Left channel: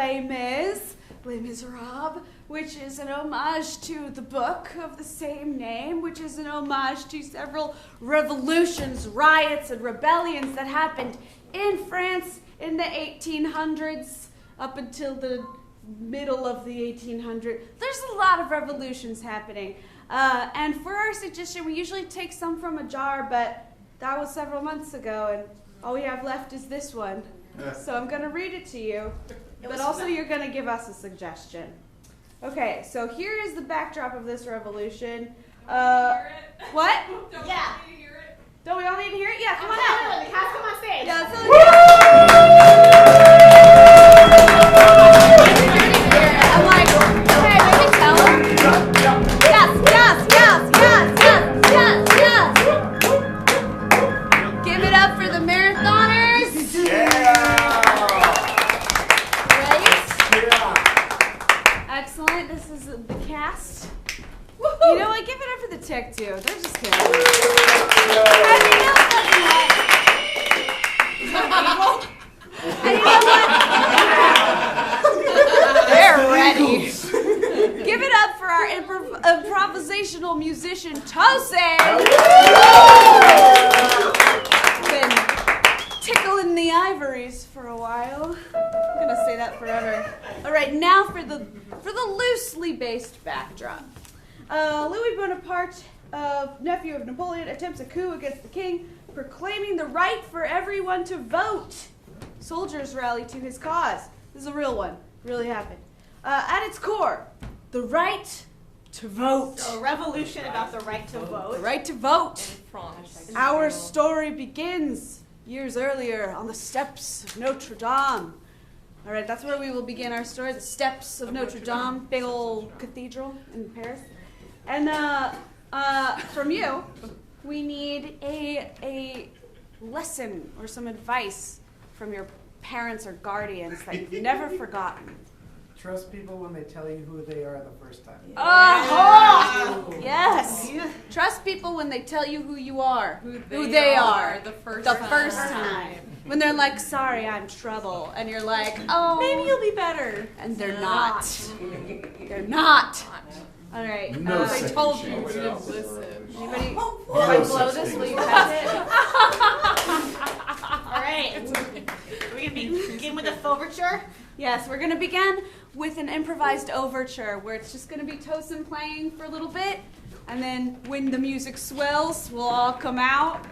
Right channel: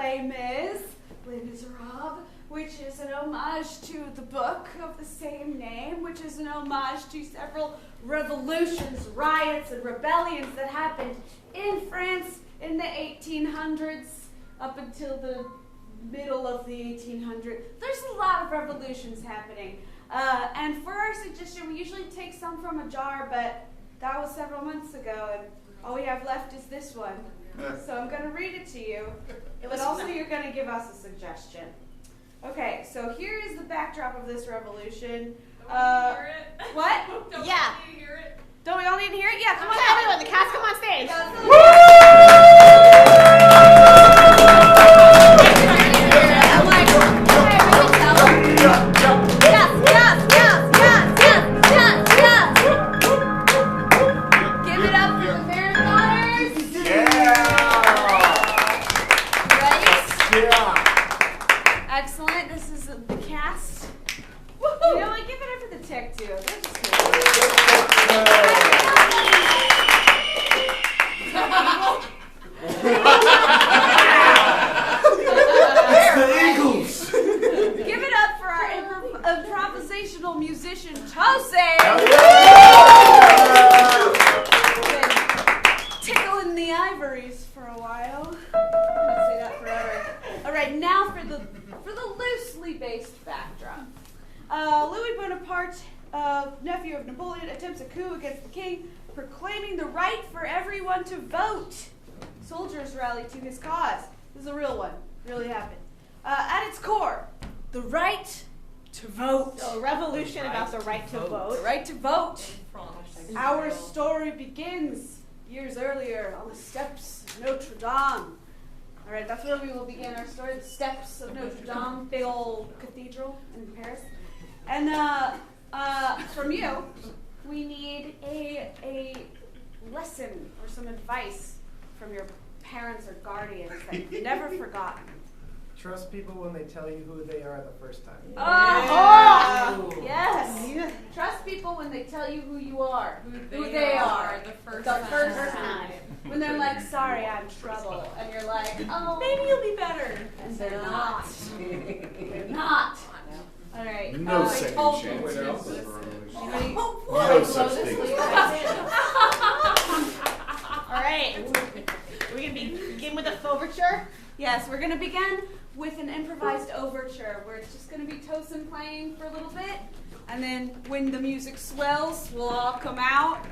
Les Mis, Les Miserables, which is an homage to the book of the same name, which is an homage to several revolutions, riots, and rebellions that happened in France in the 1800s up until the middle of the 1800s. There's a lot of revolutions happening. And for our suggestion, we usually take some from a jar, but that was several months ago, and all we have left is this one. So I'm going to read it to you, but also you're going to give us a suggestion. Okay, so here is the backdrop of this revolution. What? Yeah. Don't we all need to hear it? Yeah, come on. Everyone, the cast come on stage. I'm like, hey, maybe tell them. Yes. Give it up for the marathoners. Ready? Yeah. Excellent. This is the cast. You know what? Give it up for the tech, too. They're just kidding. They're ready. Give it up for our improvisational musician, Tosin. Been tickling the ivories for a while. I'm gonna say that forever. All right, now for the loosely based backdrop. Louis Bonaparte, nephew of Napoleon, attempts a coup against the king, proclaiming the right for everyone to vote. Soldiers rally to his cause. This is a real one. Really happened. At its core, the right to vote. A revolution about the right to vote. The right to vote. Our story begins years earlier on the steps of Notre Dame. All right, that's where we will begin our story. The steps of Notre Dame, big old cathedral in Paris. And from you, we need a lesson or some advice from your parents or guardians that you've never forgotten. Trust people when they tell you who they are the first time. Oh, yes. Trust people when they tell you who you are, who they are the first time. When they're like, sorry, I'm trouble. And you're like, oh. Maybe you'll be better. And they're not. They're not. All right. No They second told you. chance. Anybody? No such thing. All right. Are we going to begin with a overture? Yes, we're going to begin with an improvised overture where it's just going to be Tosin playing for a little bit. And then when the music swells, we'll all come out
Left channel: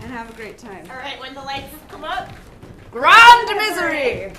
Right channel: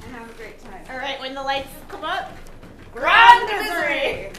and have a great time. All right, when the lights come up. Grand Misery!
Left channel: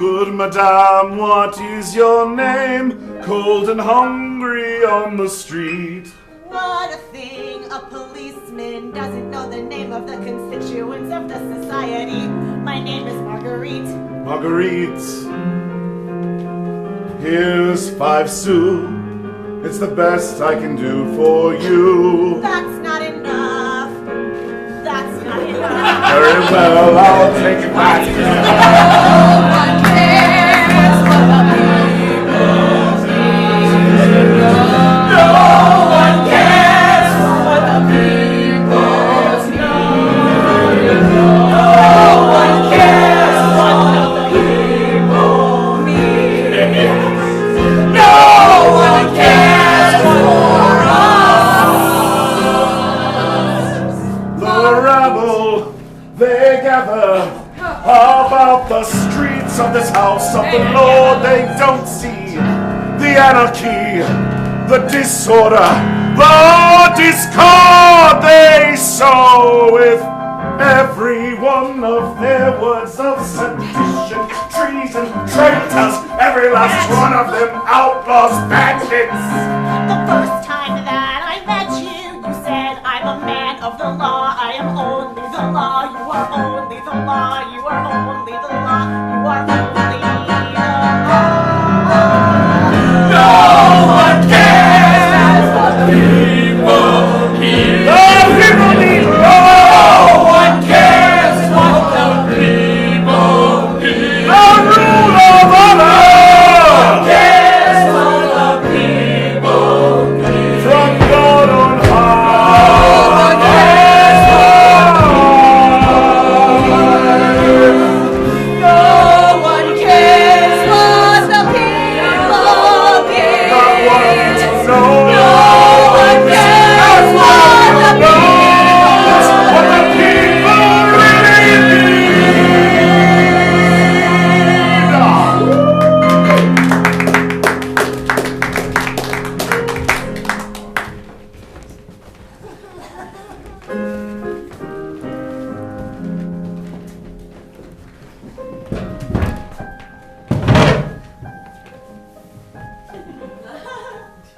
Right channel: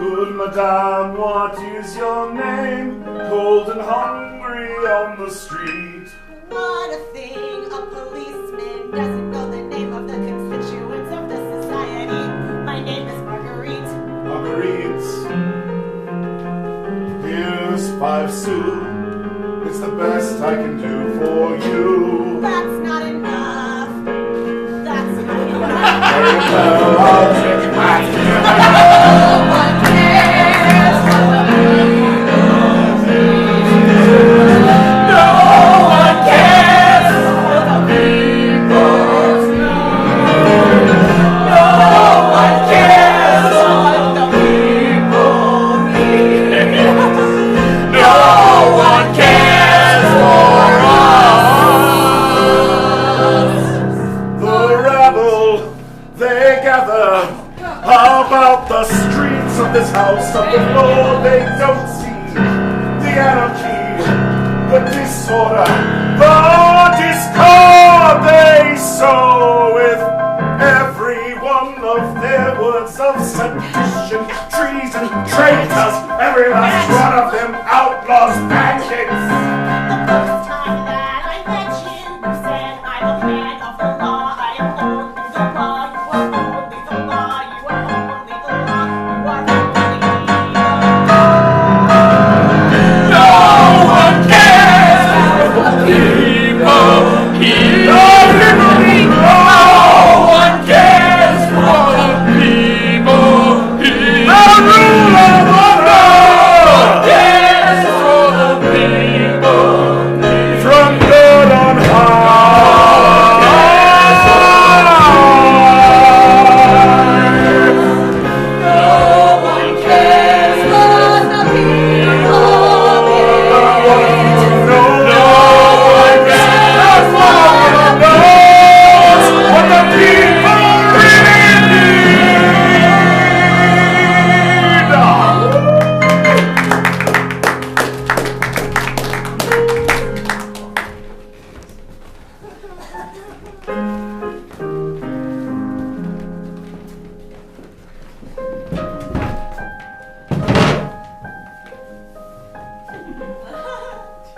Good madame, what is your name? Cold and hungry on the street. What a thing, a policeman doesn't know the name of the constituents of the society. My name is Marguerite. Marguerite, here's 5 sous. It's the best I can do for you. That's not enough. That's not enough. Very well, I'll take it back. One cares for the people's needs. No one cares for the people's needs. No one cares for the people's needs. No one cares for us. The rabble, they gather about the streets of this house of the Lord. They don't see the anarchy, the disorder, the discord they sow with every one of their words of sedition, treason, traitors, every last one of them outlaws, bandits. The first time that I met you, you said I'm a man of the law. I am only the law. You are only the law. You are only the law. You are only the law. No one cares for the people here. No one cares for the people here. The rule of order Cares for the people here. from God on high. No one cares for the people here. Not one of you knows. No one cares Not for one the of you knows what the people really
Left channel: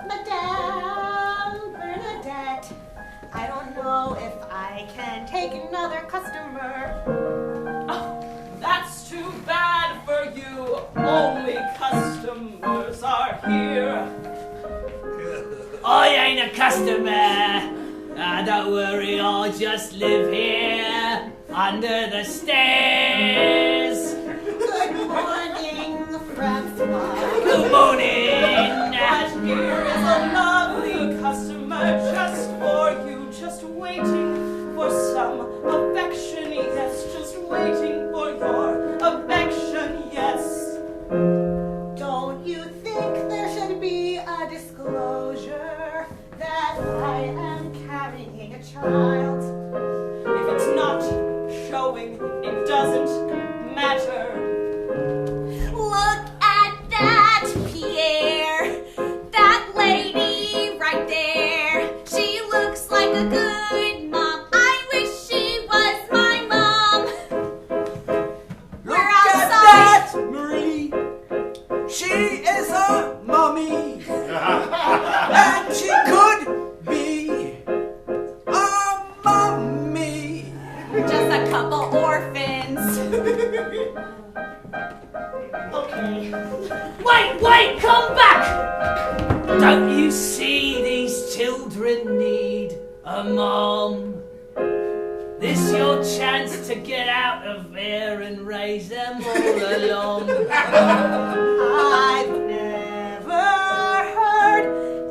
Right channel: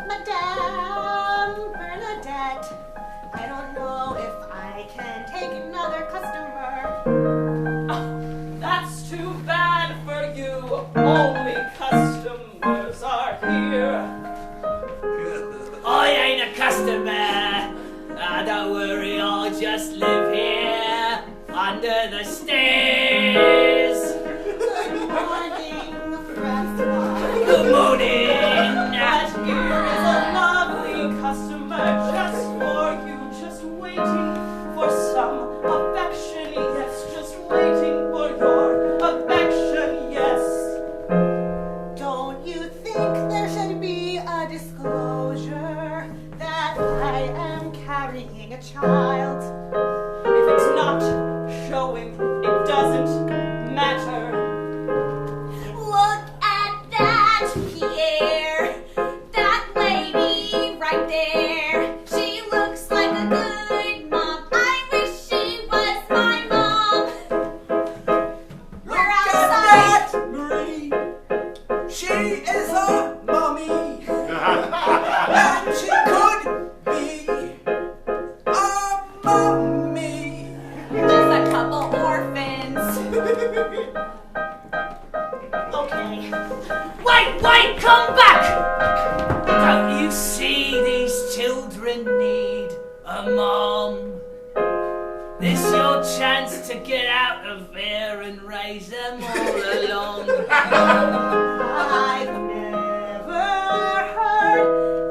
Madame Bernadette, I don't know if I can take another customer. That's too bad for you. Only customers are here. I ain't a customer. Don't worry, I'll just live here under the stairs. Good morning, Francois. Good morning. That here is a lovely customer just for you, just waiting for some affection. Yes, just waiting for your affection. Yes. Don't you think there should be a disclosure that I am carrying a child? If it's not showing, it doesn't matter. Look at that, Pierre. That lady right there. She looks like a good mom. I wish she was my mom. We're outside. Marie. She is a mommy. And she could be a mommy. Just a couple orphans. Okay. Wait, come back! Don't you see these children need a mom? This your chance to get out of here and raise them all along. I've never heard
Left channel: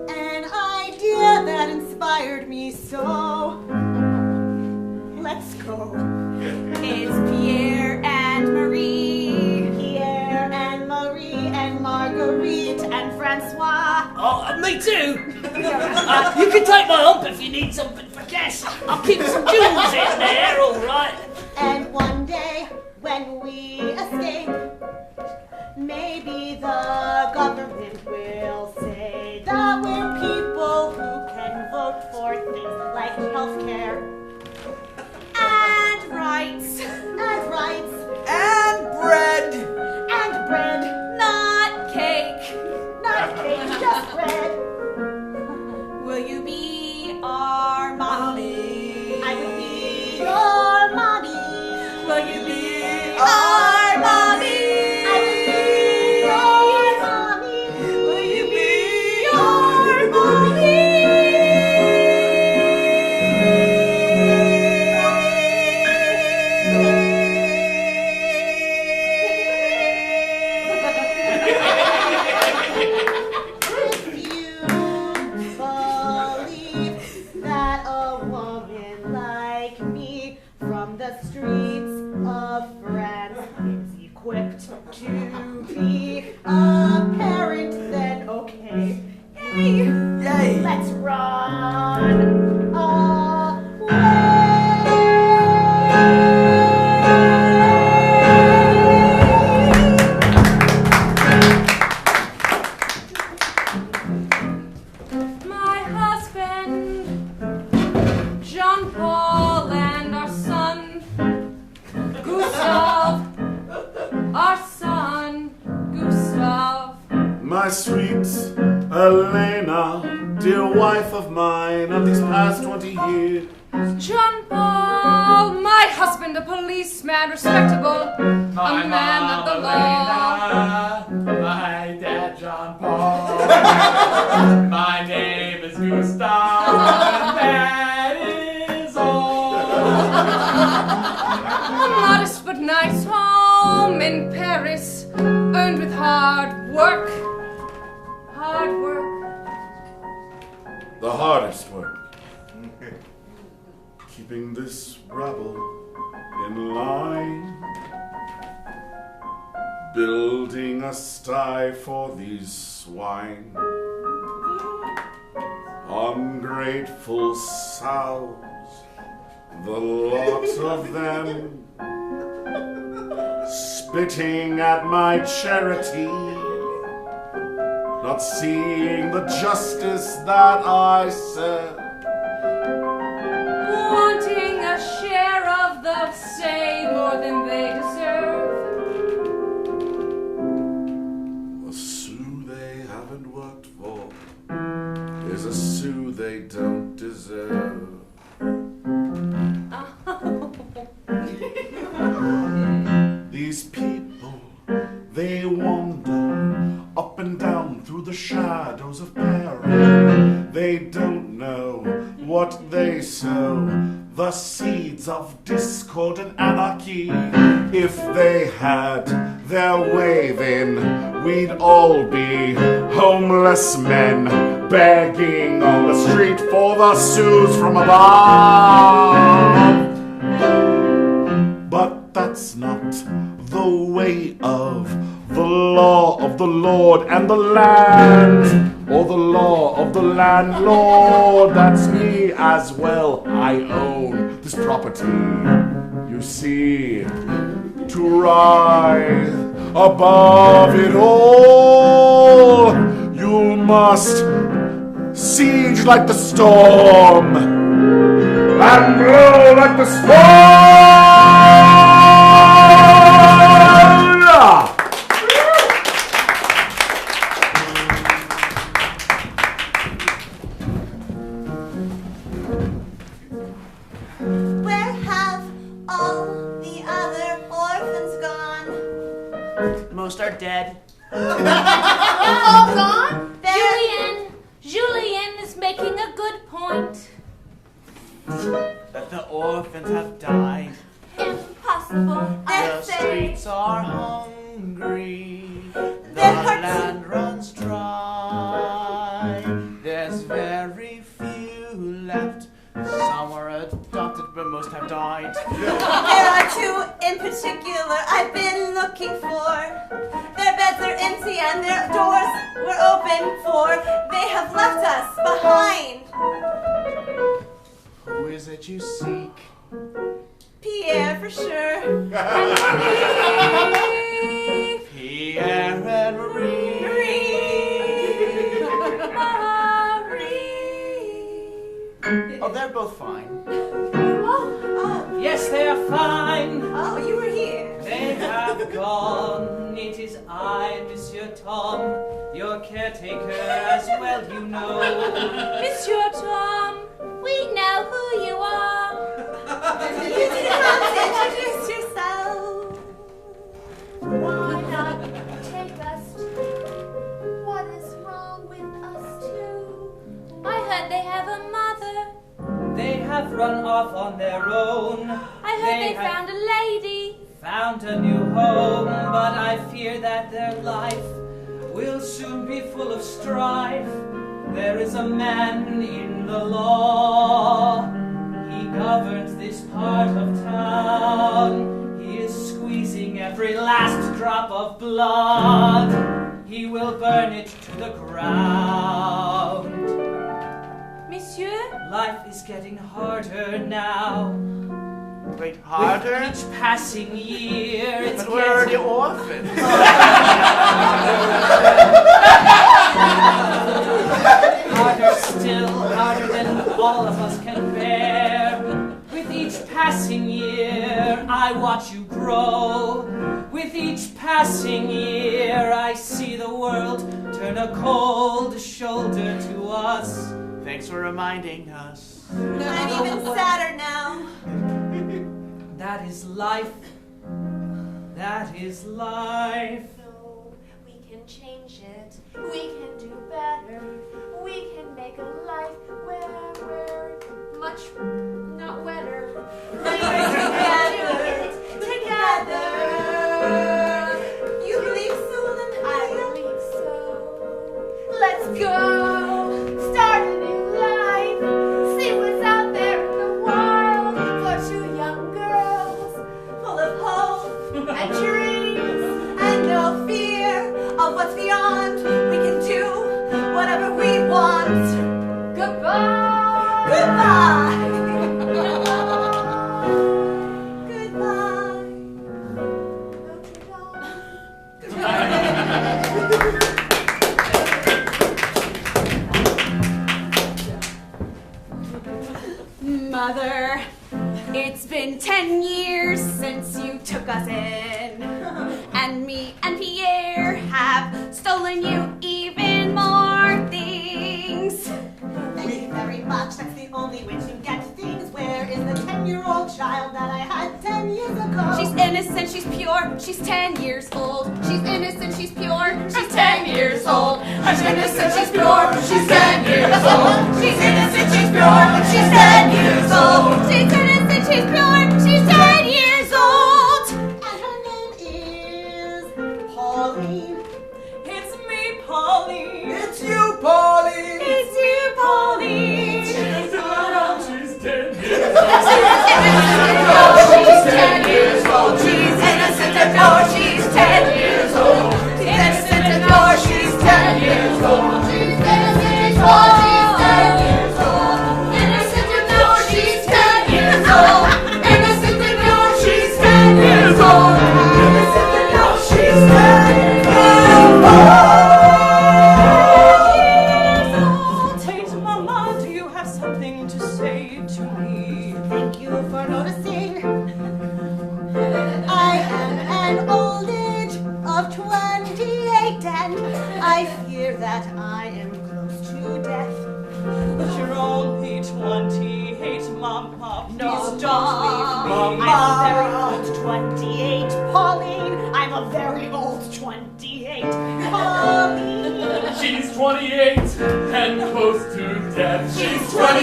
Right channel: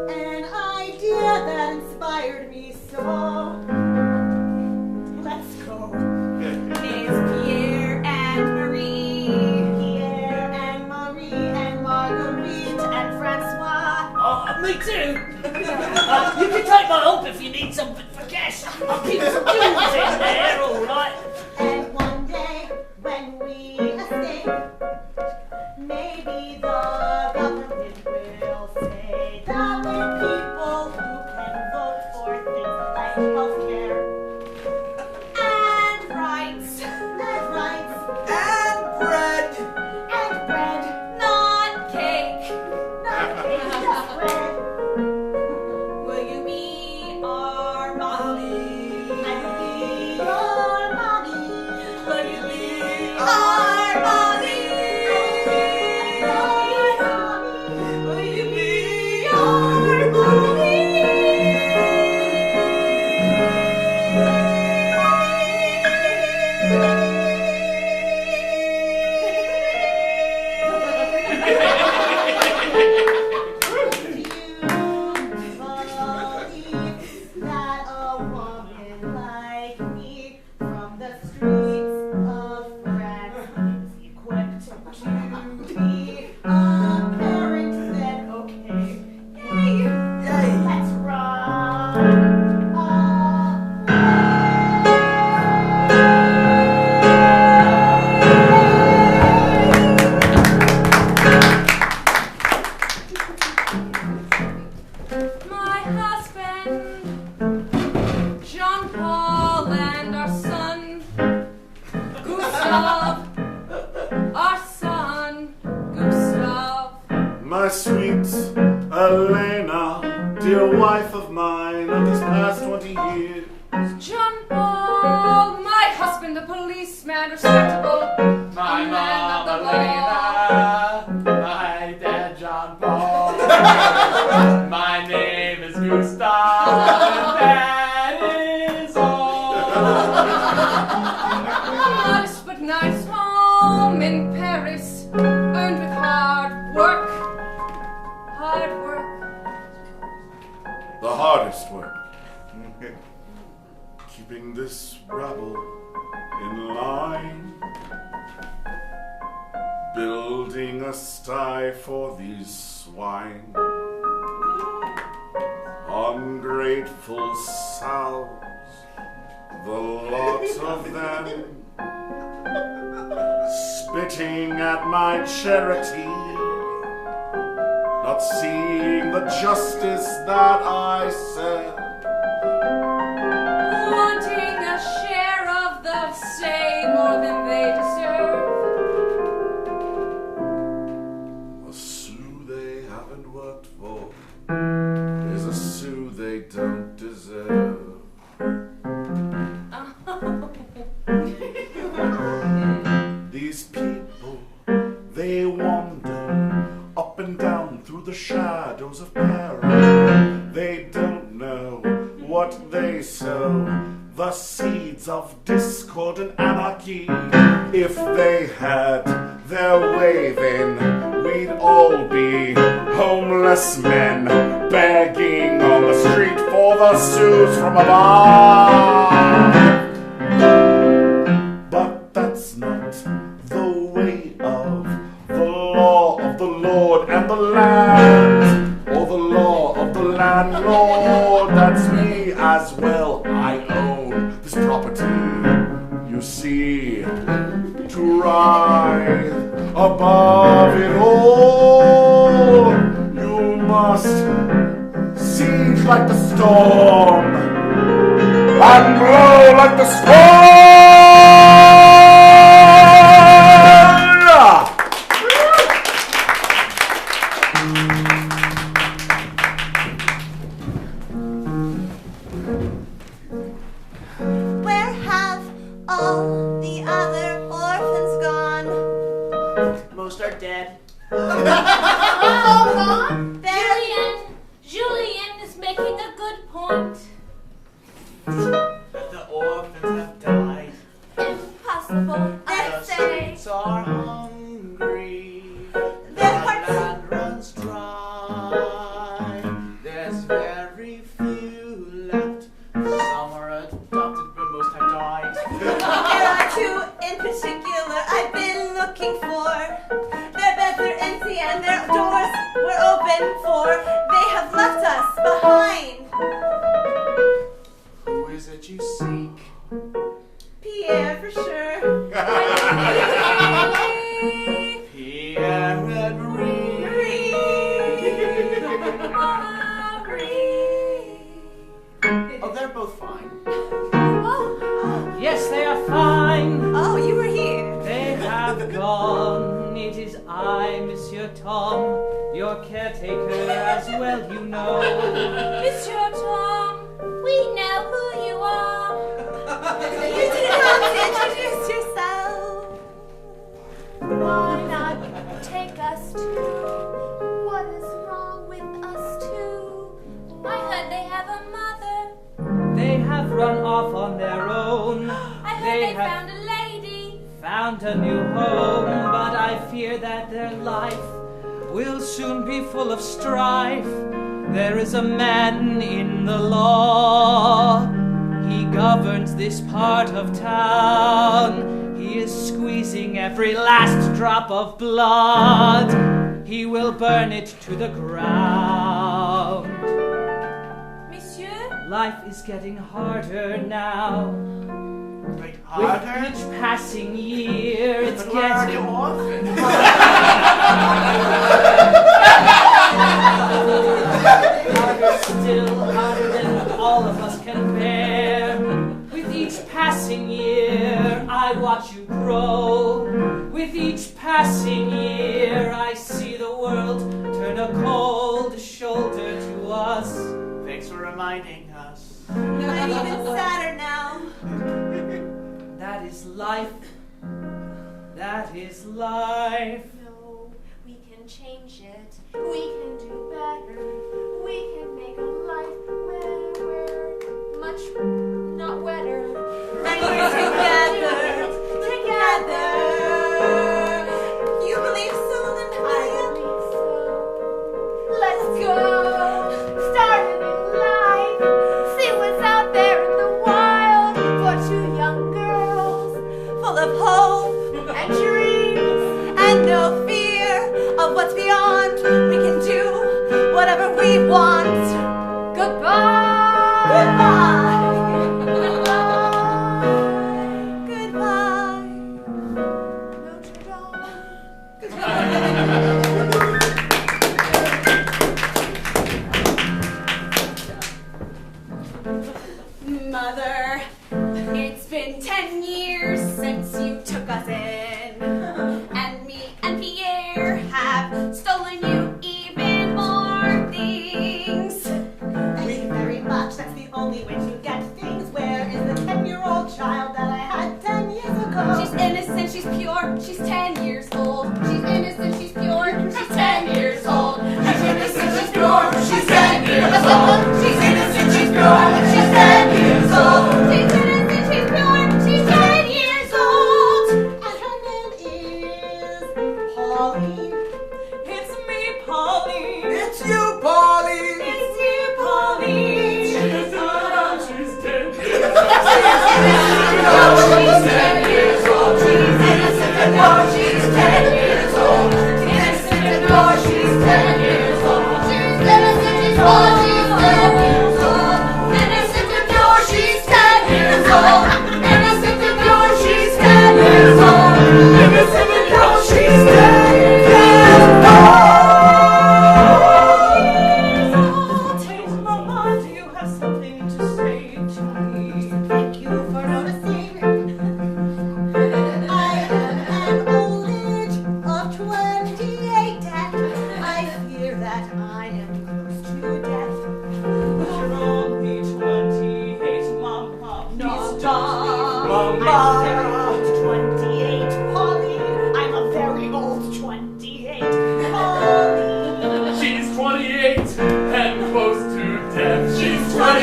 an idea that inspired me so. Let's go. Is Pierre and Marie. Pierre and Marie and Marguerite and Francois. Oh, me too. You can take my hump if you need something for gas. I'll keep some jewels in there, all right. And one day, when we escape, maybe the government will say that we're people who can vote for things like healthcare and rights. And bread. And our son, Gustav. My sweet Elena, dear wife of mine of these past 20 years. John Paul, my husband, a policeman, respectable, My a man of the law. Elena, my dad John Paul. My name is Gustav, and that is all. Modest but nice home in Paris, earned with hard work. Hard work. The hardest work. Keeping this rabble in line. Building a sty for these swine. Ungrateful sows, the lot of them. Spitting at my charity. Not seeing the justice that I said. Wanting a share of the same more than they deserve. A sou they haven't worked for is a sou they don't deserve. These people, they wander up and down through the shadows of peril. They don't know what they sow, the seeds of discord and anarchy. If they had their way, then we'd all be homeless men begging on the street for the sous from above. But that's not the way of the law of the Lord and the land, or the law of the landlord. That's me as well. I own this property. You see, to rise above it all, you must siege like the storm and blow like the storm. Where have all the other orphans gone? Most are dead. All gone? Julian is making a good point. That the orphans have died. Impossible, I The say. streets are hungry. The Their hearts- land runs dry. There's very few left. Some are adopted, but most have died. There are two in particular I've been looking for. Their beds are empty and their doors were open for. They have left us behind. Who is it you seek? Pierre for sure. Pierre and Marie. Oh, they're both fine. Yes, they are fine. Oh, you were here. They have gone. It is I, Monsieur Tom, your caretaker as well, you know. Monsieur Tom, We know who you are. You didn't have to introduce yourself. Why not take us too? What is wrong with us too? I heard they have a mother. They have run off on their own. I heard they have found a lady. found a new home, but I fear that their life will soon be full of strife. There is a man in the law. He governs this part of town. He is squeezing every last drop of blood. He will burn it to the ground. Monsieur, Life is getting harder now. Wait, With harder? each passing year, it's But where are the getting orphans? harder still, harder than all of us can bear. With each passing year, I watch you grow. With each passing year, I see the world turn a cold shoulder to us. Thanks for reminding us. I'm even sadder now. That is life. That is life. No, we can change it. We can do better. We can make a life where we're much not wetter. And we're together. You believe so, then I believe so. Let's go. Start a new life. See what's out there in the wild for two young girls. full of hope and dreams and no fear of what's beyond. We can do whatever we want. Goodbye. Goodbye. Goodbye. Notre Mother, it's been 10 years since you took us in, and me and Pierre have stolen you even more things. Thank you very much. That's the only way to get things. Where is the 10-year-old child that I had 10 years ago? She's innocent, she's pure, she's 10 years old. She's innocent, she's pure, she's 10 years old. She's innocent, she's pure, she's 10 years old. She's innocent, she's pure, she's 10 years old. She's innocent, she's pure, she's 10 years old. And her name is Pauline. It's me, Pauline. It's you, Pauline. It's you, Pauline. She's 10 years She's 10 years old. She's innocent and pure, she's 10 years old. She's innocent and pure, she's 10 years old. She's innocent, she's pure, she's 10 years old. Innocent and pure, she's 10 years old. Innocent and pure, she's 10 years old. Innocent and pure, she's 10 years old. Tate, Mama, do you have something to say to me? Thank you for noticing. I am an old age of 28, and I fear that I am close to death. But you're only 28, Mama. Please don't leave me. I'm a very old 28, Pauline. I'm a very old 28, Pauline. She's 28 and close to death. She's 28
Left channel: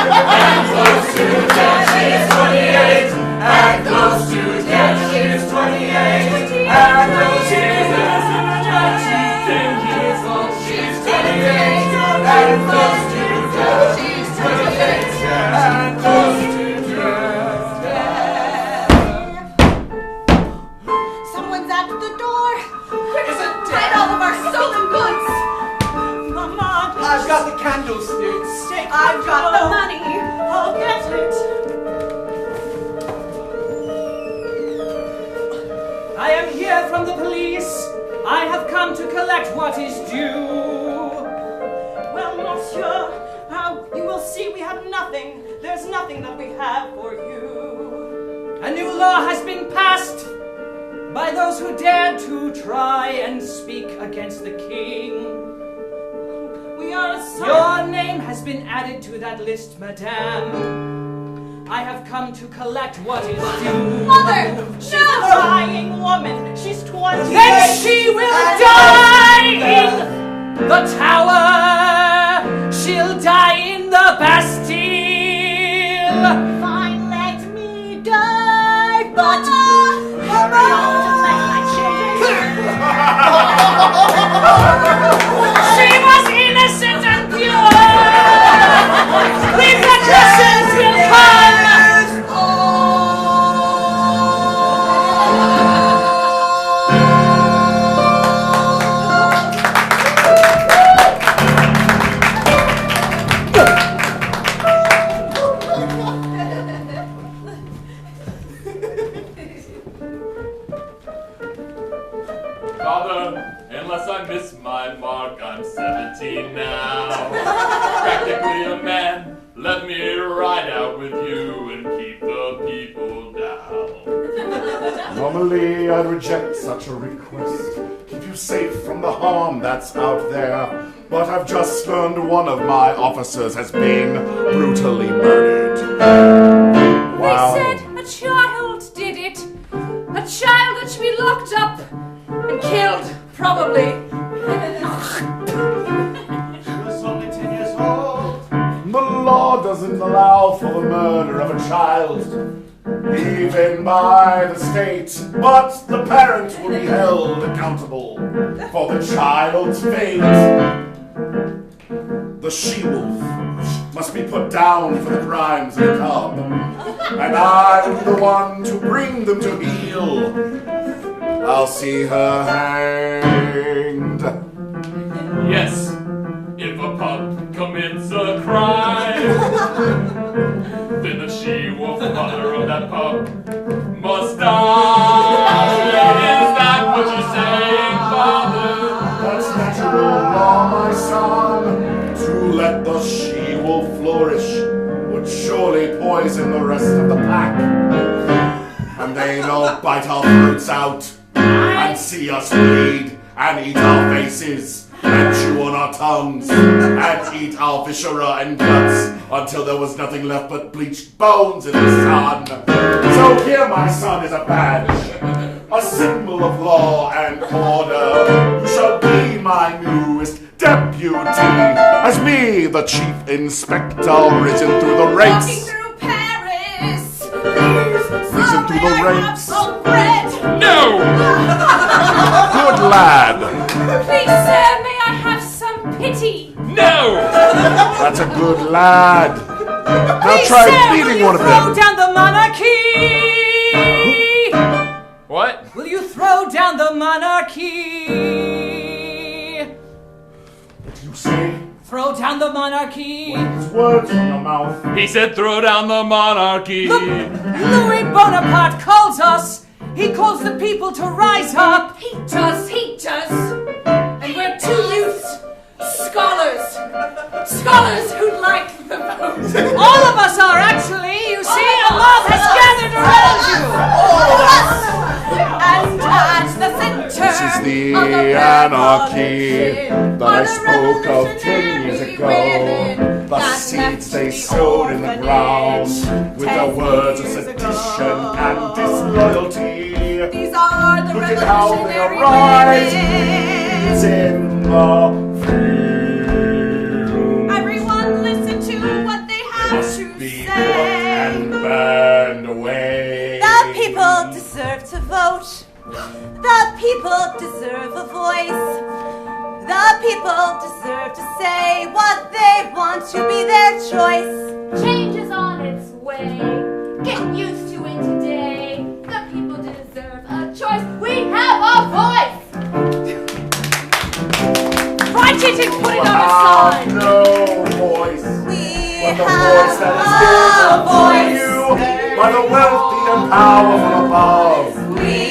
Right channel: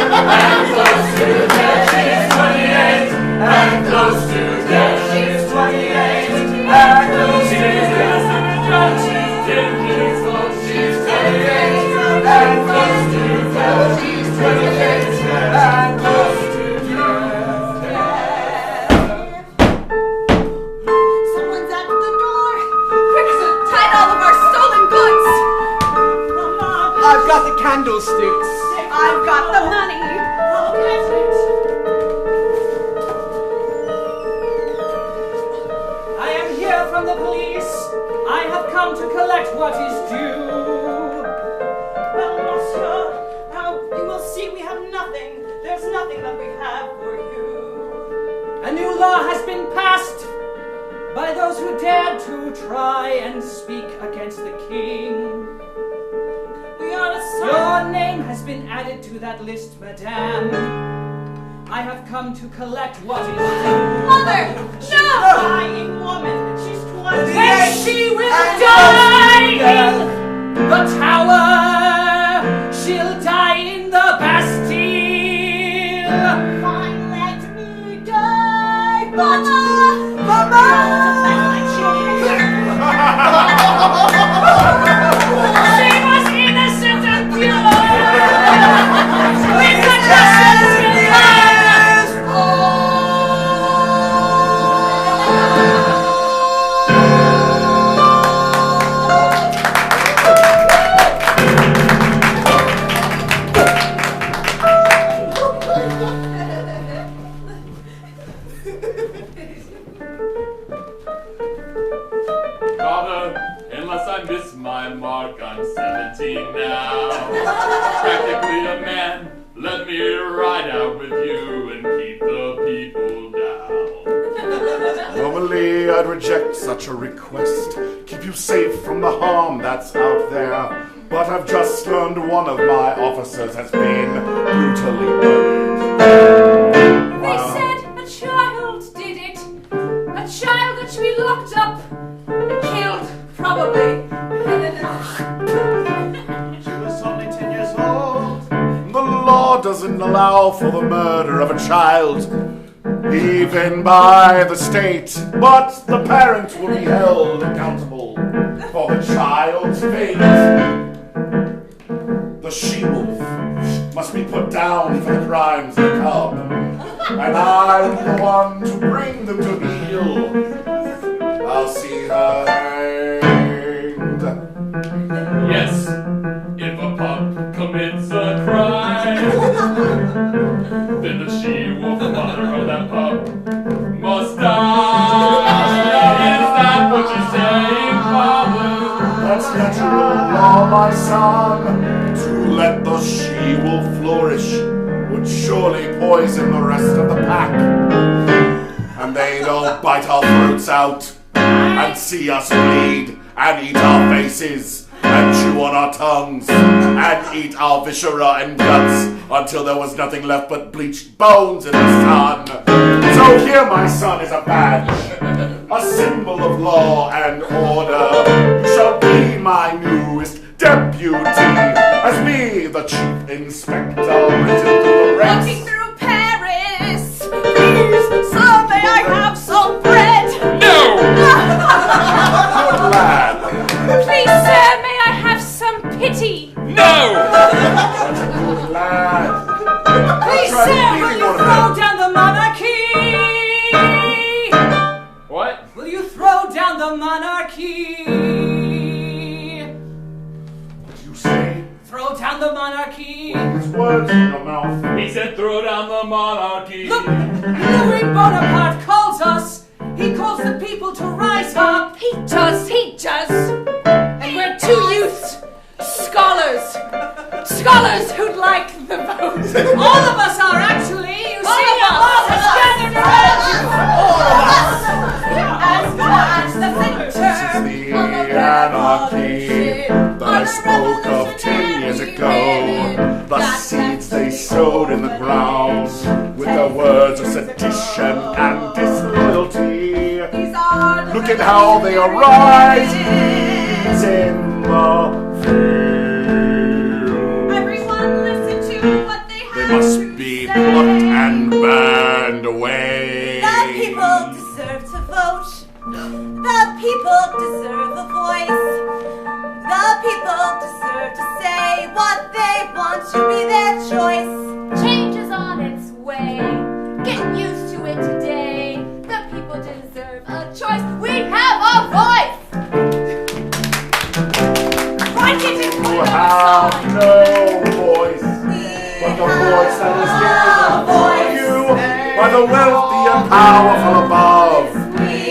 and close to death. She's 28 and close to death. She's 28 and close to death. She's 10 years old. She's 28 and close to death. She's 28 and close to Someone's at the door. Hide all of our stolen goods. Mama, I've got the candlesticks. I've got the money. I'll get it. I am here from the police. I have come to collect what is due. Well, monsieur, you will see we have nothing. There's nothing that we have for you. A new law has been passed by those who dared to try and speak against the king. We are a Your name has been added to that list, madame. I have come to collect what is due. Mother, She's a dying woman. She's 20. Then she will die in the tower. She'll die in the Bastille. Fine, let me die. But Mama, to bless my children. She was innocent and pure. Repercussions will come. Father, unless I miss my mark, I'm 17 now. Practically a man. Let me ride out with you and keep the people down. Normally Normally I'd reject such a request, keep you safe from the harm that's out there. But I've just learned one of my officers has been brutally murdered. They said a child did it. A child that should be locked up and killed, probably. She was only 10 years old. The law doesn't allow for the murder of a child, even by the state. But the parents will be held accountable for the child's fate. The she-wolf must be put down for the crimes of the cub, and I'm the one to bring them to heel. I'll see her hanged. Yes, if a pup commits a crime, then the she-wolf mother of that pup must die. Is that what you're saying, Father? That's natural law, my son. To let the she-wolf flourish would surely poison the rest of the pack. And they'd all bite our throats out and see us bleed and eat our faces and chew on our tongues and eat our viscera and guts until there was nothing left but bleached bones in the sun. So here, my son, is a badge, a symbol of law and order. You shall be my newest deputy, as me, the chief inspector, risen through the ranks. Walking through Paris, please, so may I have some bread? No! Good lad. Please, sir, may I have some pity? No! That's a good lad. Now Please, try sir, will beating you one of throw them. down the monarchy? What? Will you throw down the monarchy? What do you say? Throw down the monarchy. His words from your mouth. He said throw down the monarchy. Look, Louis Bonaparte calls us. He calls the people to rise up. He does. And we're two youths, scholars who'd like the vote. All of us are actually. You see, a mob has gathered around you. And at the center This is the of anarchy that I are the spoke of 10 years ago. The seeds they sowed in the ground with the words of sedition and disloyalty. These are the Look at how they arise in the field. Everyone listen to what they They have must to be say. plucked and burned away. The people deserve to vote. The people deserve a voice. The people deserve to say what they want to be their choice. Change is on its way. Get used to it today. The people deserve a choice. We have a voice. Write it and put it on a Have sign. no voice. But the voice that is given to you by the wealthy and powerful above,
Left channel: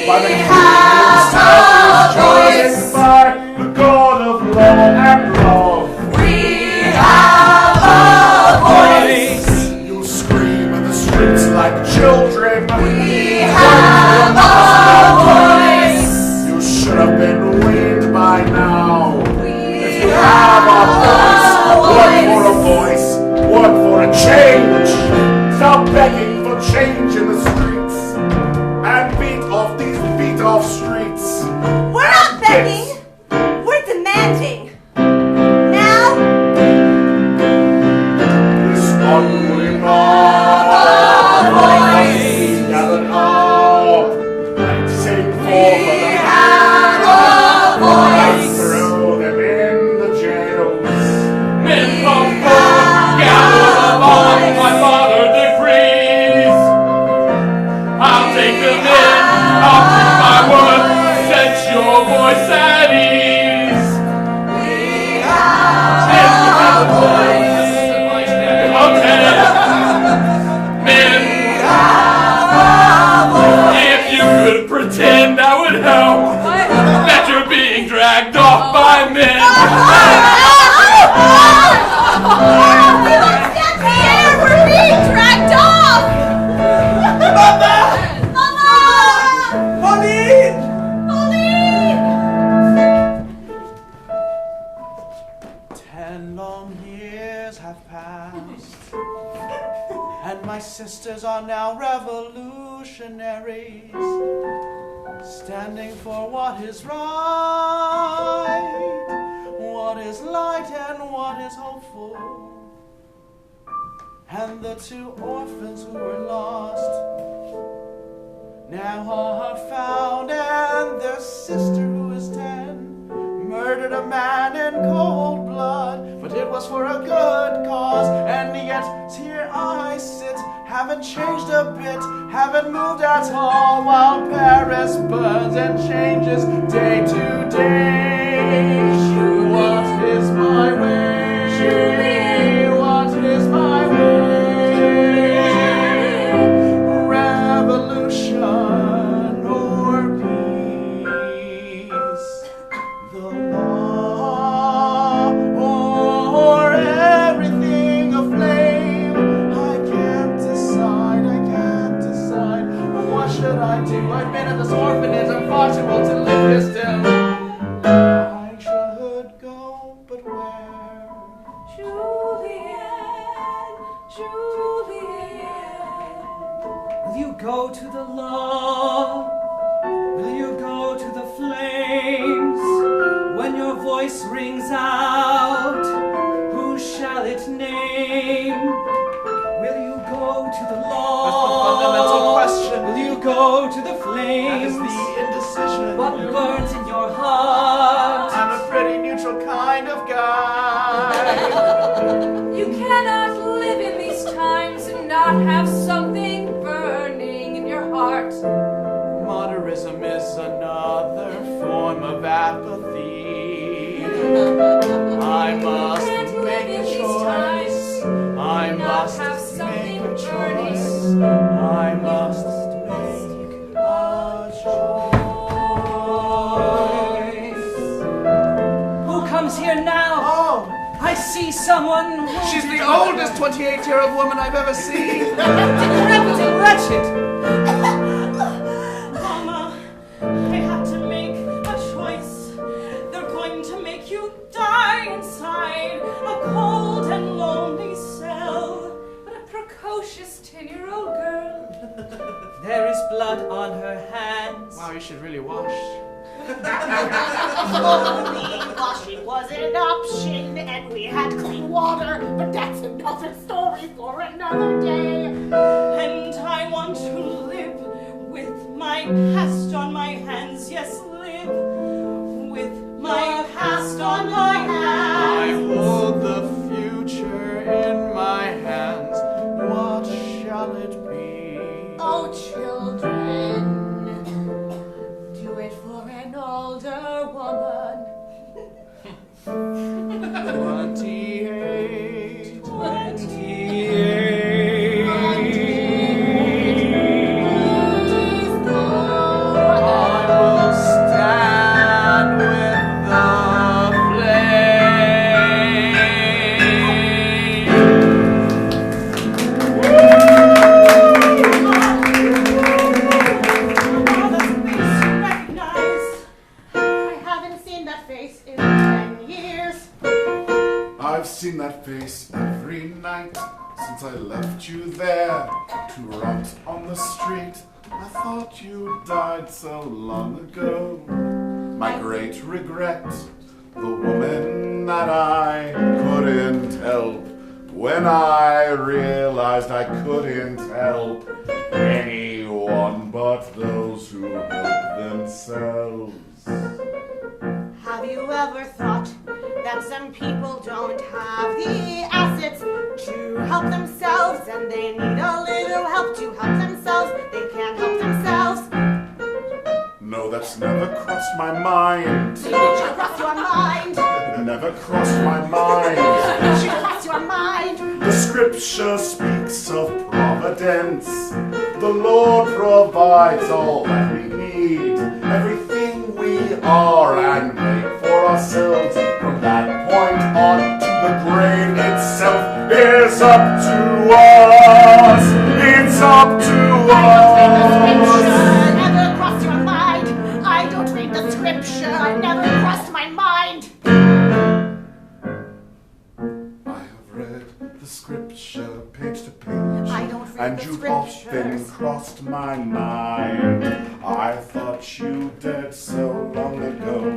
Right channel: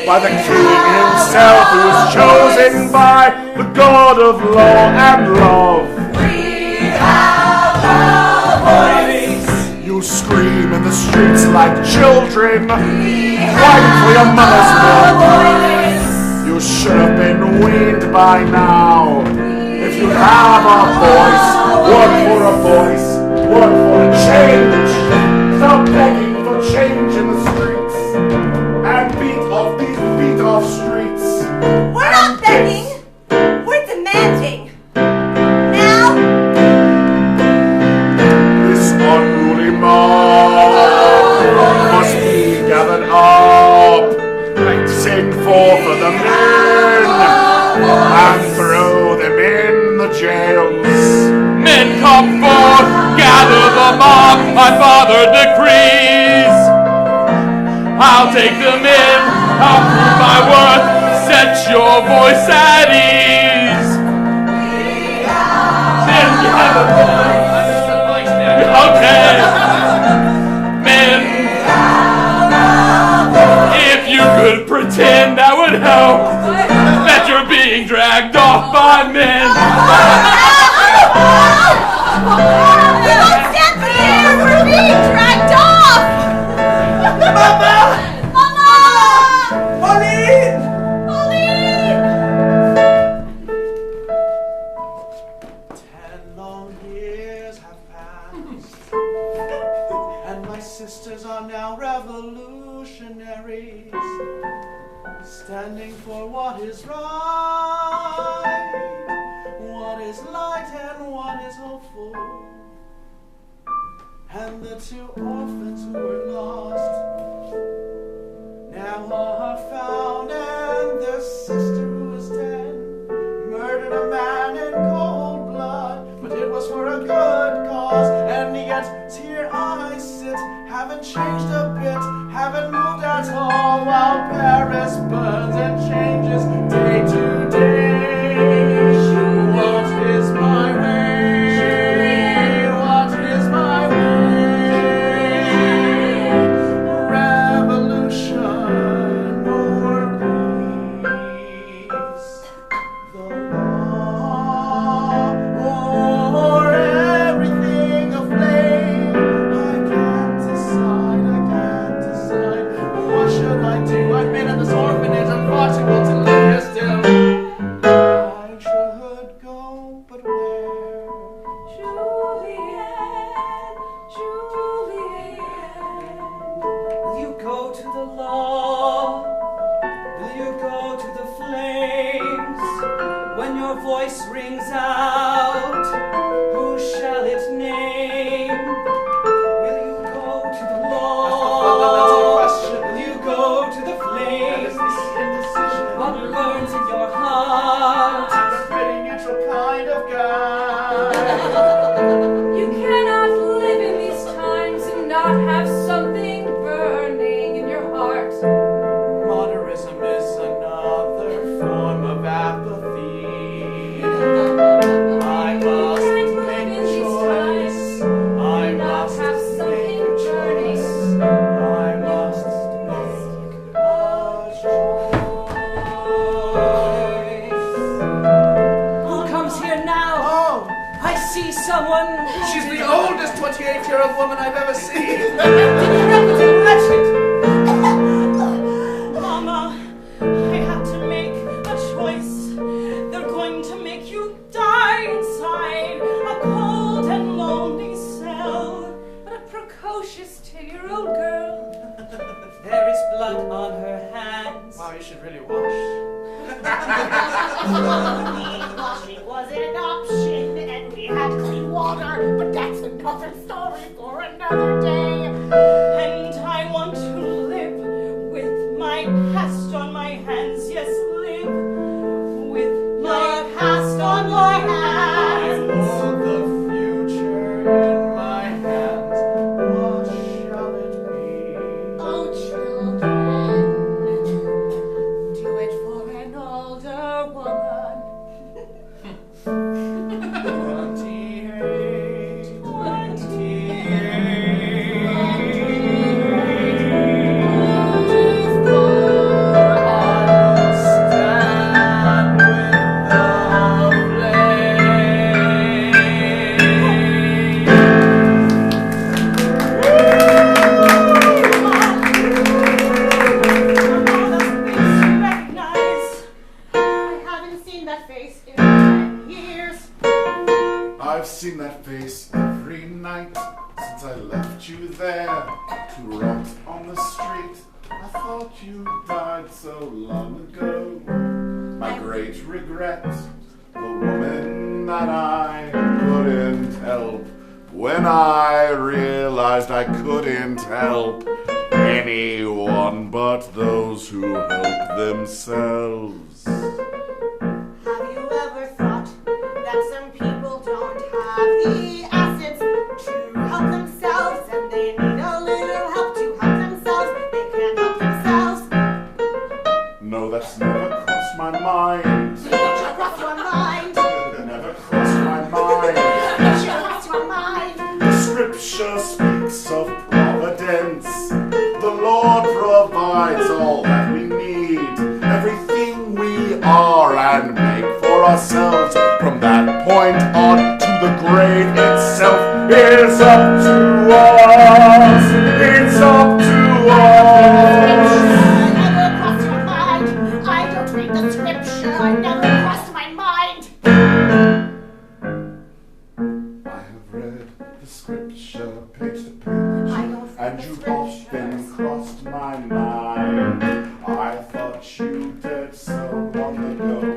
by the king himself who is chosen by the God of law and love. You scream in the streets like children, fighting for your mother's milk. You should have been weaned by now. If you have a voice, work for a voice, work for a change. Stop begging for change in the streets and beat off these beat-off streets. We're not begging. We're demanding. Now, This unruly mob must be gathered up. Send forth the men and throw them in the jails. Men come forth, gather the mob, my father decrees. I'll take them in, I'll prove my worth, set your voice at night. What is light and what is hopeful? And the two orphans who were lost now are found, and their sister who is 10 murdered a man in cold blood, but it was for a good cause. And yet here I sit, haven't changed a bit, haven't moved at all, while Paris burns and changes day to day. What is my way? What is my way? Revolution or peace? The law or everything aflame? I can't decide, I can't decide. What should I do? I've been at this orphanage, I'm far too old to live here still. I should go, but where? Will you go to the law? Will you go to the flames? When your voice rings out, who shall it name? Will you go to the law? That's the fundamental question. Will you go to the That is flames? the indecision. What burns in your heart? I'm a pretty neutral kind of guy. You cannot live in these times and not have something burning in your heart. Modernism is another form of apathy. I must Can't live make in a these choice. I not must have make something a choice. burning. I must make a choice. Who comes here now? Oh, I see someone. she's the oldest 28-year-old woman I've ever seen. Decrepit and wretched. Mama, I have to make a choice. They're going to make you die inside a cold and lonely cell. But a precocious 10-year-old girl. There is blood on her hands. Wow, you should really wash. Washing was an option, and we had clean water, but that's another story for another day. And I want to live with my past on my hands. Yes, live with my past on my I hands. hold the future in my hands. What shall it be? Oh, children, do it for an older woman. 28. 28. Stand with the I haven't seen that face in 10 years. I've seen that face every night since I left you there to rot on the street. I thought you died so long ago. My great regret, the woman that I couldn't help. When I realized I couldn't help anyone but those who help themselves. Have you ever thought that some people don't have the assets to help themselves and they need a little help to help themselves? They can't help themselves. No, that's never crossed my mind. Did you cross your mind? Never crossed my mind. Did you cross your mind? The scripture speaks of providence. The Lord provides all that we need. Everything we are and make for ourselves. From that point on to the grave itself is up to us. It's up to us. Never crossed your mind. I don't read the scripture. I never crossed my mind. I have read the scripture page to page, I don't read and the you've scriptures. often crossed my mind. I thought you did so long ago.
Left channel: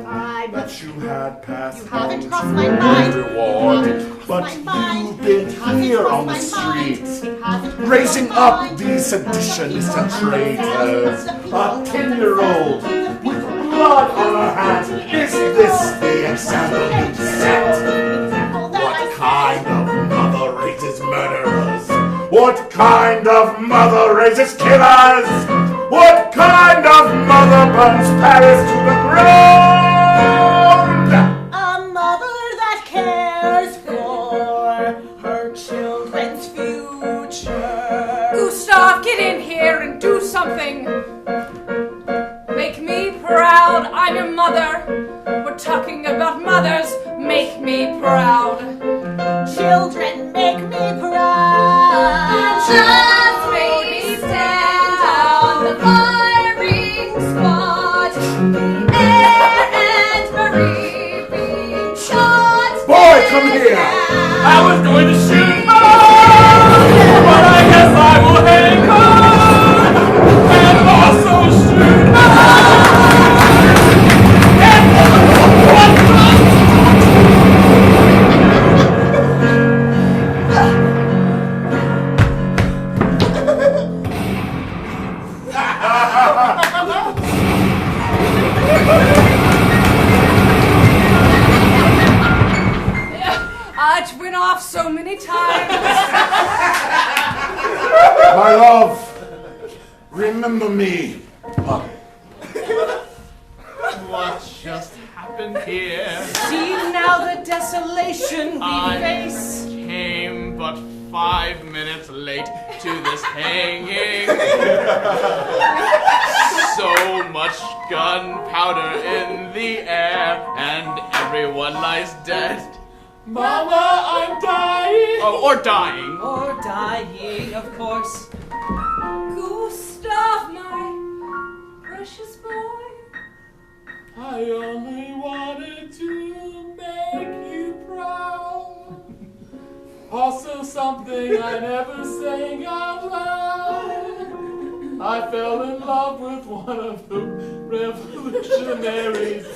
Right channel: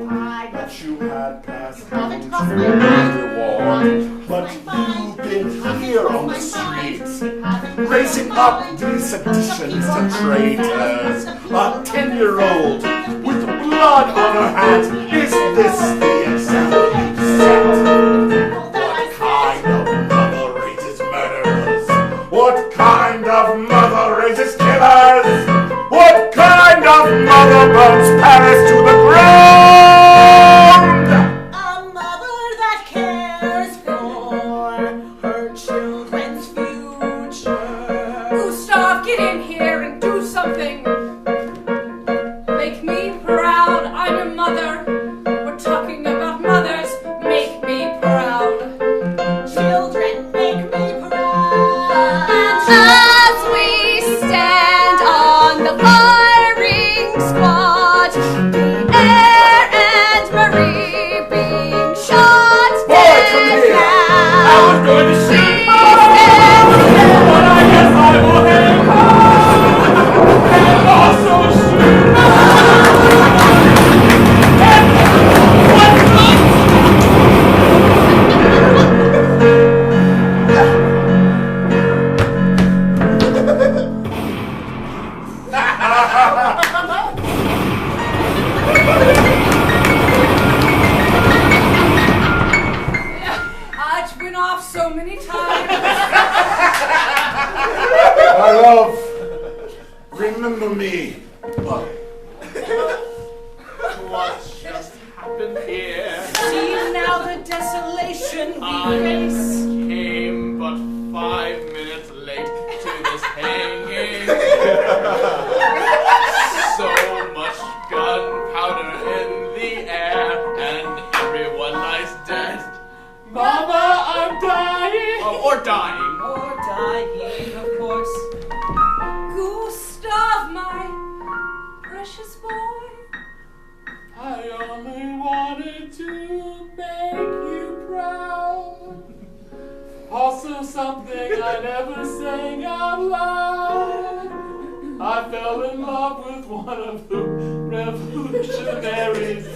had passed Haven't crossed my mind. reward, but you've been here on the streets, racing up these seditionists and traitors. A 10-year-old with blood on her hands. Is this the example you set? What kind of mother raises murderers? What kind of mother raises killers? What kind of mother burns Paris to the ground? A mother that cares for her children's future. Gustav, get in here and do something. Make me proud. I'm your mother. We're talking about mothers. Make me proud. Children make me proud. As we stand on the firing squad, Air and Marie being shot. Boy, come here! I was going to shoot, but I guess I will hang on and also shoot. It went off so many times. My love, remember me. What just happened here? See now the desolation we face. Came but 5 minutes late to this hanging. So much gunpowder in the air, and everyone lies dead. Mama, I'm dying. Oh, or dying. Or dying, of course. Gustav, my precious boy. I only wanted to make you proud. Also something I never sang out loud. I fell in love with one of the revolutionaries.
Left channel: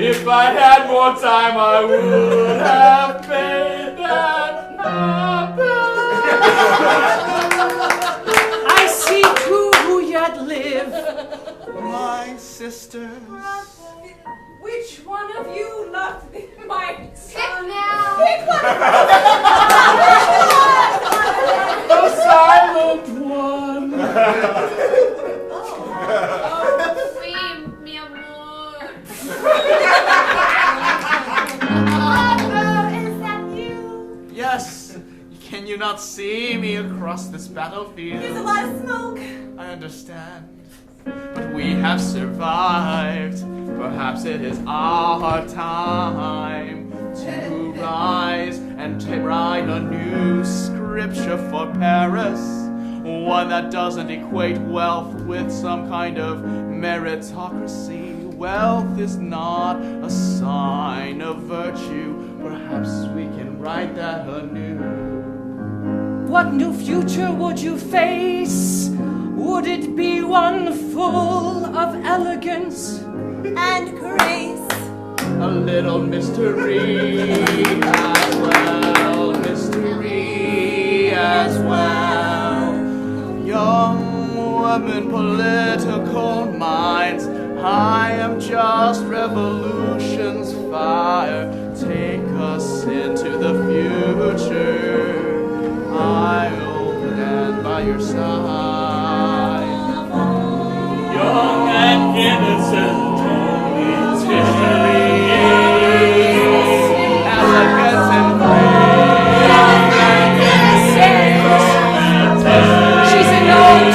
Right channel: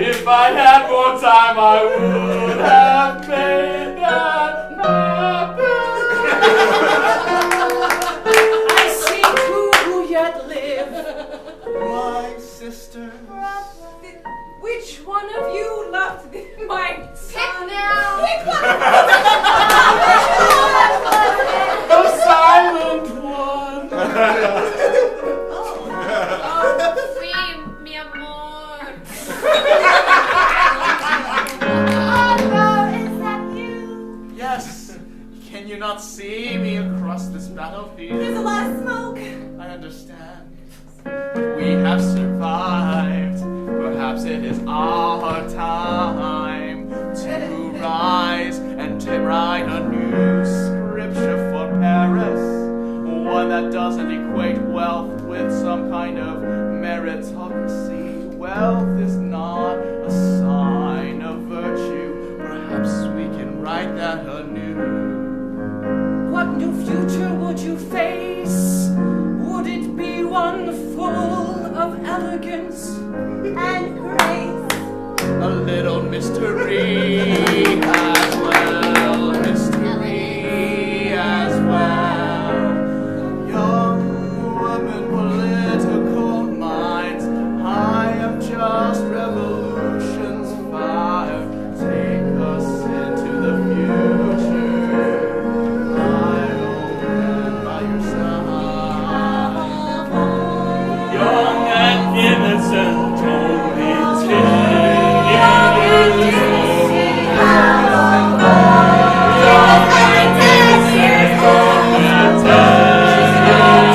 If I had more time, I would have made that happen. I see who yet live. My sister. Which one of you loved my son? The silent one. Mi amor. Pablo, is that you? Yes. Can you not see me across this battlefield? There's a lot of smoke. I understand. But we have survived. Perhaps it is our time to rise and to write a new scripture for Paris. One that doesn't equate wealth with some kind of meritocracy. Wealth is not a sign of virtue. Perhaps we can write that anew. What new future would you face? Would it be one full of elegance And grace. A little mystery as well, mystery as well. Young women, political minds, I am just revolution's fire. Take us into the future. I'll stand by your side. Young and innocent, only 10 years old. She's an old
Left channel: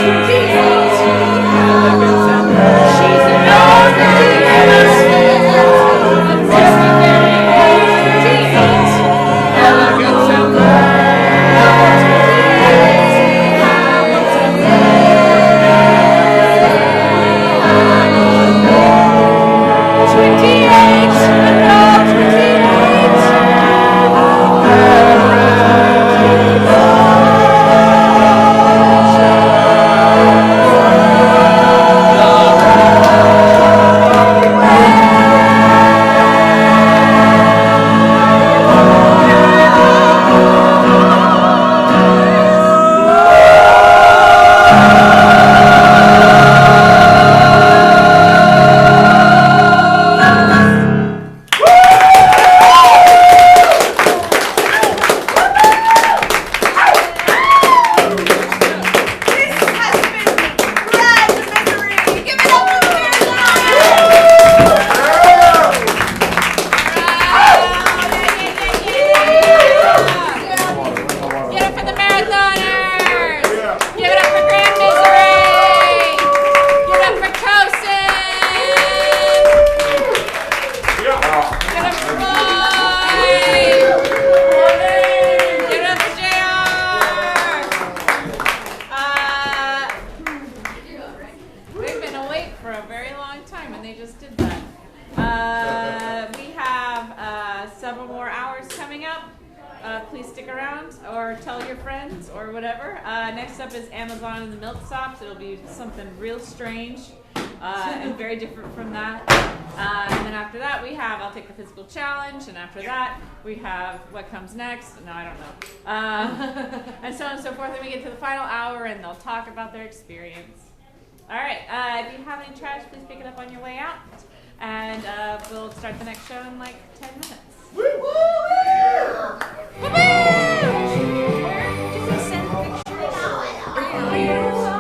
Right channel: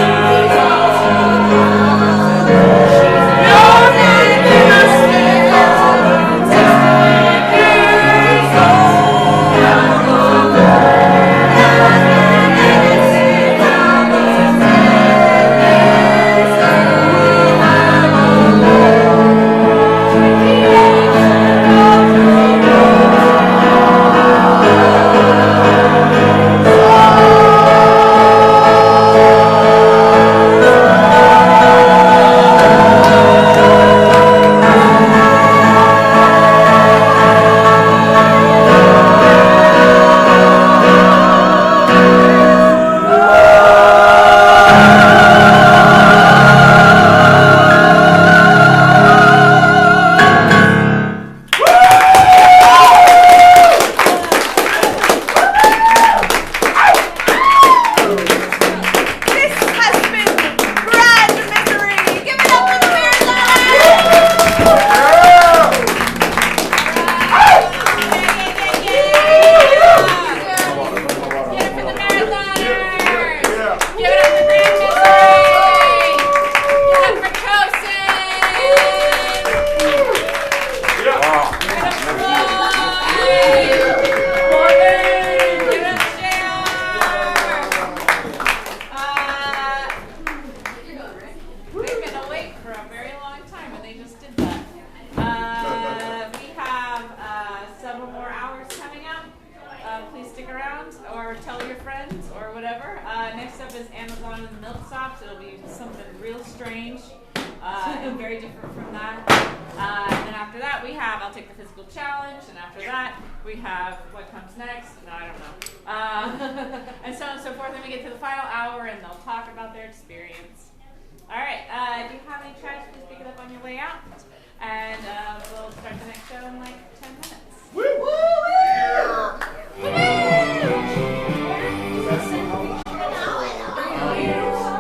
whatever. Next up is Amazon and the Milk Stops. It'll be something real strange and very different from that. And then after that, we have I'll Take the Physical Challenge. And after that, we have What Comes Next. No, I don't know. And so on and so forth. Then we get to the final hour, and they'll talk about their experience. All right. If you have any trash, please pick it up on your way out. And we'll start the next show in like 10 minutes.